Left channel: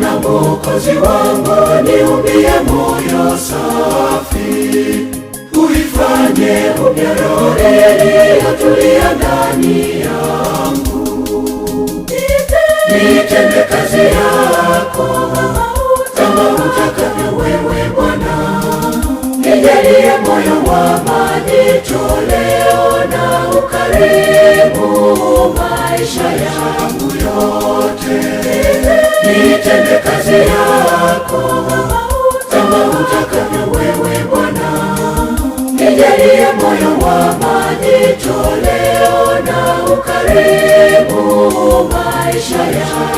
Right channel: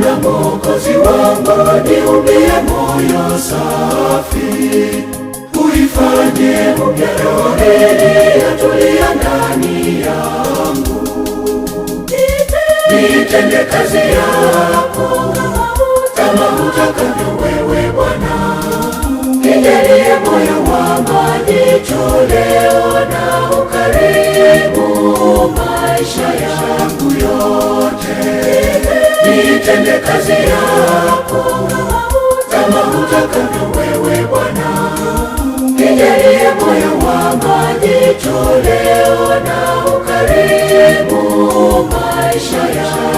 na Mwokozi wangu, niumbie moyo safi, uifanye upya roho iliyotulia ndani yangu. Nitende kazi yako kama utakavyo wewe Bwana, nijalie moyo wa majitoleo na ukarimu maisha yangu yote. Nitende kazi yako kama utakavyo wewe Bwana, nijalie moyo wa majitoleo na ukarimu maisha yangu.